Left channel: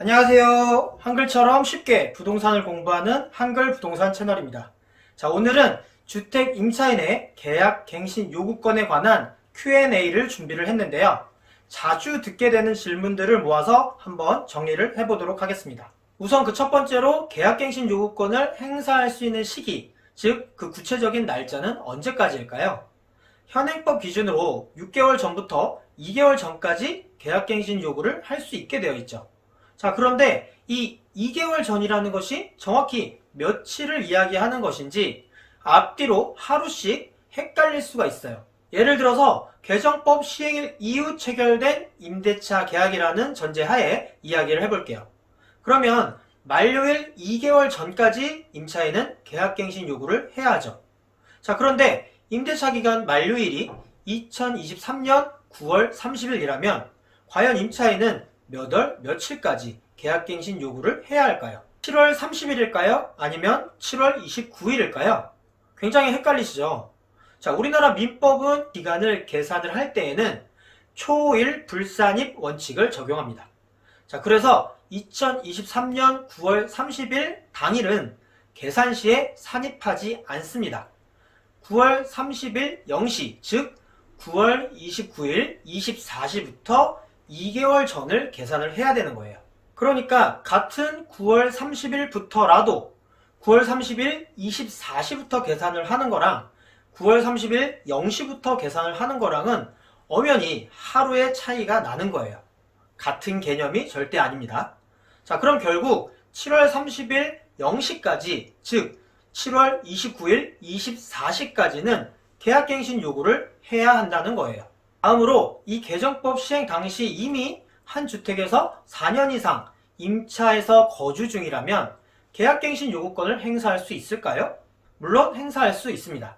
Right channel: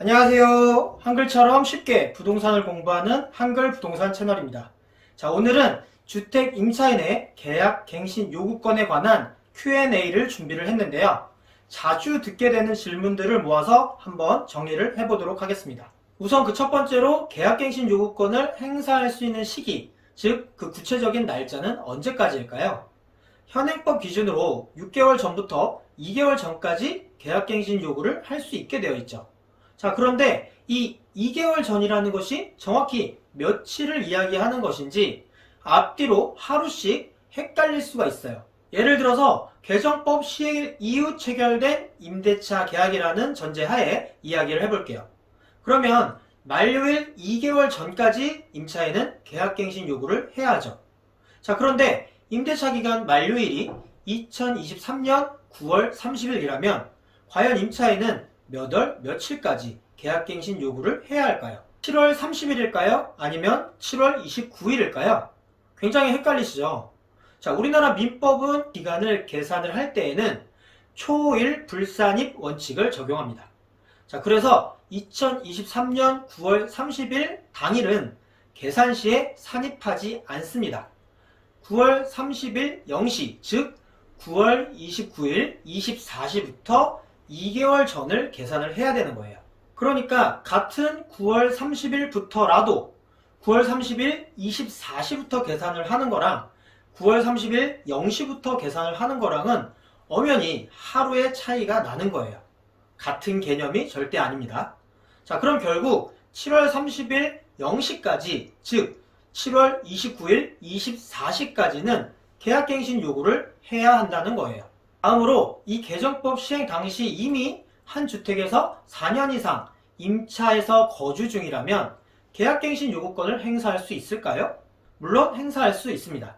안녕하세요. 한글처럼 쉽게 부동산을 공부하는 한글 부동산 채널입니다. 자, 오늘은 주택 임차인의 계약 갱신 요구권에 관한 Q&A를 준비를 했는데요. 자주 듣게 되는 질문들을 모아서 한번 정리를 해보도록 하겠습니다. 우선 그 첫 번째로 계약 갱신 요구권을 행사할 수 있는 시기, 즉 그 구체적인 날짜는 언제까지일까요? 현행법 기준으로 6개월 전부터 2개월 전까지 계약 갱신 요구를 할 수 있게 되어 있죠. 자, 그런데 이 2개월 전이라는 것이 정확히 며칠을 이야기하는 것인지 앞뒤로 하루씩 헷갈릴 수가 있어요. 예를 들어서 개정법 시행일 이후 체결된 임대차 계약이라는 전제하에 이야기를 해볼게요. 그러면 만료일 2개월 전까지 임차인은 계약갱신 요구를 해야 하죠. 자, 그런데 임대차 기간 만료일이 2023년 9월 30일이라면 과연 임차인은 몇 월 며칠까지 계약갱신 요구를 해야 할까요? 7월 30일일까요? 아니면 7월 29일일까요? 굉장히 헷갈리시죠? 자, 우리나라 민법은 기간을 계산을 할 때에는 초일 불산입 원칙을 적용합니다. 자, 그래서 2023년 9월 30일 당일은 계산 시에 산입하지 않습니다. 9월 30일 0시, 즉 9월 29일 24시부터 2개월 전을 계산을 해야 되는 거예요. 그러니까 같은 9월 30일부터라도 9월 30일 24시부터 계산을 하는 거랑 9월 30일 0시부터 계산을 하는 거랑은 엄연히 하루의 차이가 나는 거예요. 같은 개념이 절대 아닙니다. 자, 그럼 결국 7월 30일 0시까지, 즉 7월 29일 24시까지는 계약갱신 요구를 해야 한다는 거예요. 다음으로 이 개정법 시행 당시 이미 한 주택에서 4년 이상 임차해서 거주 중이라면 계약갱신 요구권을 행사할 수 있을까요? 물론 행사할 수 있습니다.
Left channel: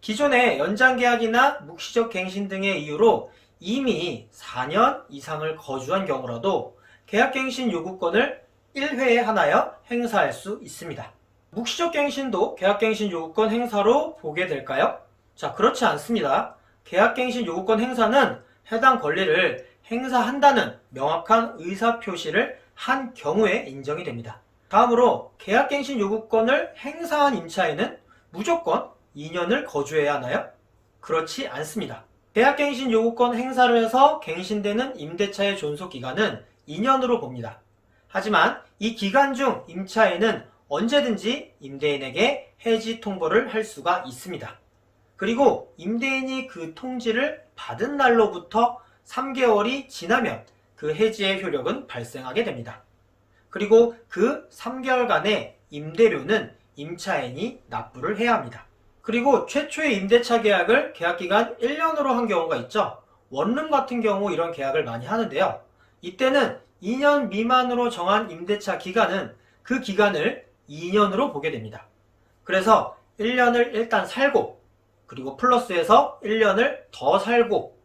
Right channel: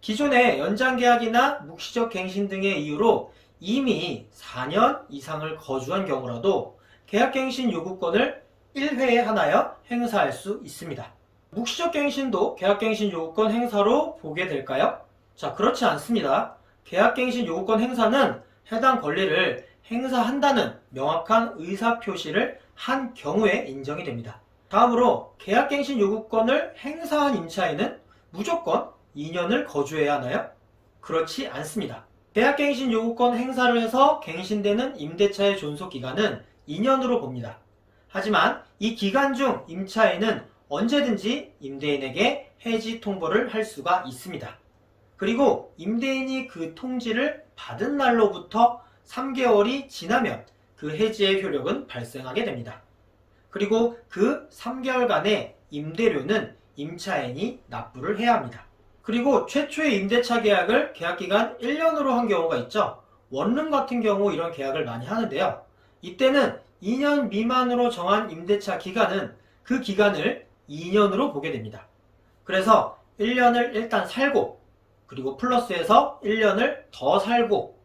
기존의 연장계약이나 묵시적 갱신 등의 이유로 이미 4년 이상을 거주한 경우라도 계약갱신 요구권을 1회에 하나여 행사할 수 있습니다. 묵시적 갱신도 계약갱신 요구권 행사로 보게 될까요? 자, 그렇지 않습니다. 계약갱신 요구권 행사는 해당 권리를 행사한다는 명확한 의사표시를 한 경우에 인정이 됩니다. 다음으로 계약갱신 요구권을 행사한 임차인은 무조건 2년을 거주해야 하나요? 그렇지 않습니다. 계약갱신 요구권 행사를 해서 갱신되는 임대차의 존속기간은 2년으로 봅니다. 하지만 이 기간 중 임차인은 언제든지 임대인에게 해지 통보를 할 수가 있습니다. 그리고 임대인이 그 통지를 받은 날로부터 3개월이 지나면 그 해지의 효력은 발생하게 됩니다. 그리고 그 3개월간의 임대료는 임차인이 납부를 해야 합니다. 그리고 최초의 임대차 계약을 계약기간 1년으로 한 경우가 있죠. 원룸 같은 경우 이런 계약을 많이 하는데요. 이때는 2년 미만으로 정한 임대차 기간은 그 기간을 2년으로 보게 됩니다. 그래서 1년을 일단 살고 그리고 플러스해서 1년을 더 살고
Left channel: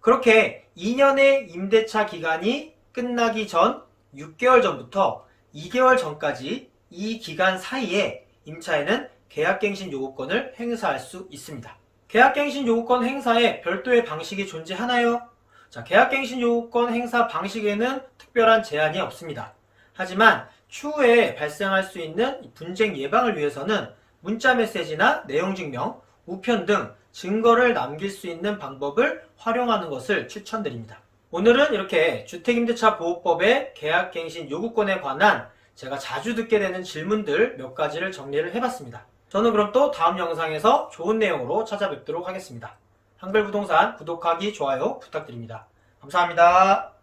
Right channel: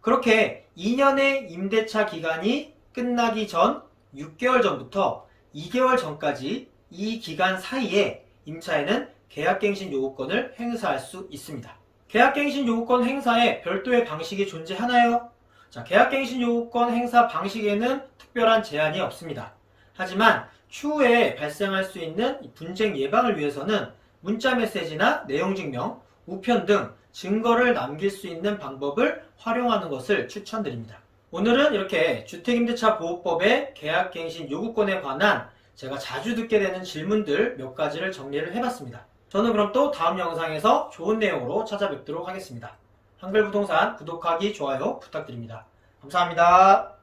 그렇게 2년의 임대차 기간이 끝나기 전 6개월 전부터 2개월 전까지 이 기간 사이에 임차인은 계약갱신 요구권을 행사할 수 있습니다. 계약갱신 요구권 행사에 별도의 방식이 존재하나요? 자, 계약갱신 요구권 행사 방식에는 특별한 제한이 없습니다. 하지만 추후에 발생할 수 있는 분쟁 예방을 위해서는 문자메시지나 내용증명, 우편 등 증거를 남길 수 있는 방법을 활용하는 것을 추천드립니다. 오늘은 이렇게 주택임대차보호법의 계약갱신 요구권에 관한 제가 자주 듣게 되는 질문들 몇 가지를 정리를 해봤습니다. 저는 그럼 또 다음 영상에서 좋은 내용으로 찾아뵙도록 하겠습니다. 한글부동산 구독하기, 좋아요 부탁드립니다. 감사합니다.